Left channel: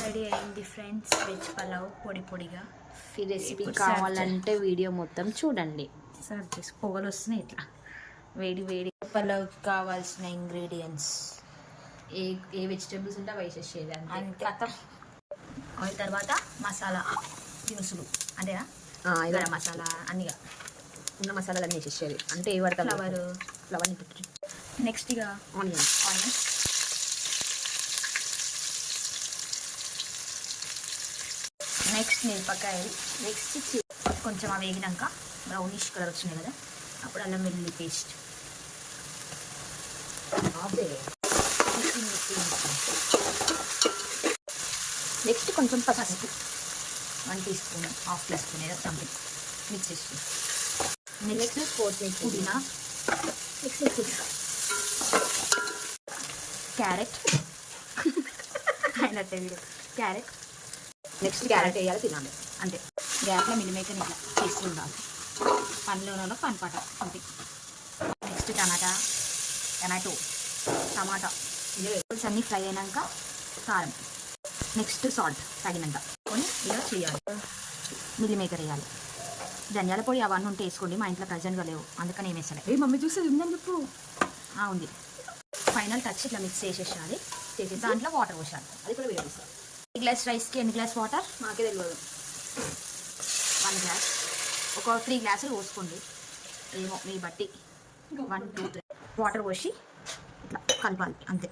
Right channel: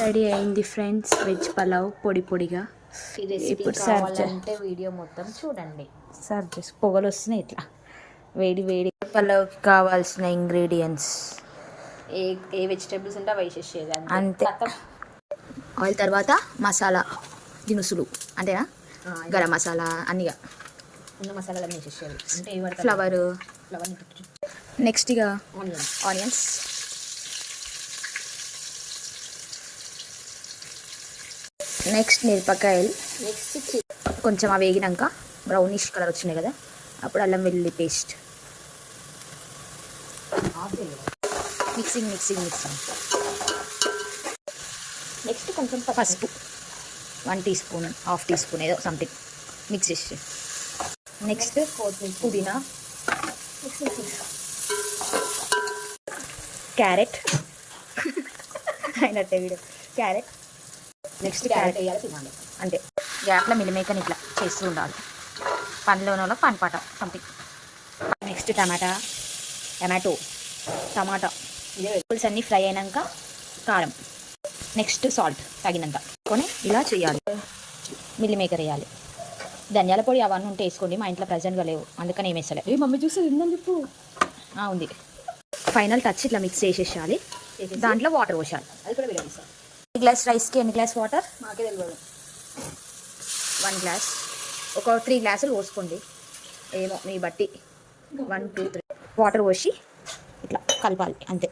Ready అయింది friends, veg pulao పొడి పొడిగా. ఈ రెసిపీ కావాలంటే వీడియో మొత్తం చూడండి. సర్వ్ చేసి పొగలు వస్తున్నాయి ఇట్లా వేడి వేడి. పలావ్కి కావాల్సిన ఇంగ్రీడియంట్స్ ఏ వెజిటేబుల్స్ ఉంటే అవి వేసేసేది అంతే. ఆయిల్ తర్వాత మసాలా దినుసులు అంతేనా, గరం మసాలా అన్నీగా ఉన్న మసాలాలన్నీ వేసేసేది. అంటే ఏ పడతా ఫ్లవర్ నెక్స్ట్ ఇక ఆనియన్స్ నెక్స్ట్ మిరపకాయలు, నెక్స్ట్ కొంచెం అవి వేగినాక బ్రౌనిష్ కలర్ వచ్చినాయి కదా, అప్పుడు అల్లం వెల్లుల్లి paste. Mixing mixing mixing. Next కొంచెం పసుపు 1 teaspoon, half teaspoon ఏదో సంథింగ్ మిక్స్ చేసి. నెక్స్ట్ పుదీనా, క్యారెట్ అయినట్టే వీడియో. క్యారెట్ నెక్స్ట్ క్యారెట్ వేయాలి, తినాలి అంటే గ్యాప్లో మిల్లిమేకని ఇట్లా చేస్తూ ఉండాలి. పండ్లోనో పనిపాట సంథింగ్. నెక్స్ట్ టమాటా వెజిటబుల్స్ అన్నీ ఫ్రై అయినాక కారం, నెక్స్ట్ సాల్ట్ తగినంత కొని ఇలా చేయాలి. మిల్లిమేకర్ వేయాలి. ధనియాల పొడి అవన్నీ ఉంటే వేసుకోండి, మా ఇంట్లో ప్రజెంట్గా లేవు అందుకని ఏమి వేసలే. మమ్మీ చూసేది ఉందని చెప్పు. ఉంది. ఫైనల్ టచ్ ఇట్లా మిక్స్ చేసేసాలి. దాంట్లో వాటర్ పోసాలి. అది కూడా వేరే తీసాను. ఈ గ్లాస్ రైస్కి ఎన్ని గ్లాస్ వాటర్ నాకే తెలియదు. 1 గ్లాస్. ఒక 3 గ్లాసులు పోసుకోండి, ఏమో మీ బట్టి. 1 2 3 వాటర్ పోసి ఇట్లా కలపాలి అంతే.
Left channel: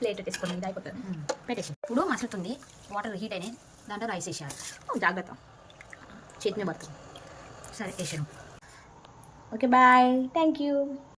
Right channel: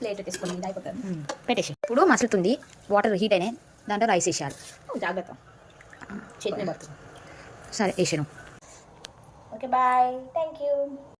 ప్లేట్ పెట్టేసుకొని మీద అయిపోతుంది. పెట్టేసి ఇప్పుడు మసులుతుంది, వాటర్ హీట్ అయినాయి, దాంట్లో రైస్ వేసేయాలి. జాగ్రత్త, చట్నీ పడుతుంది. సరే వేసాను. Okay bye, thank you.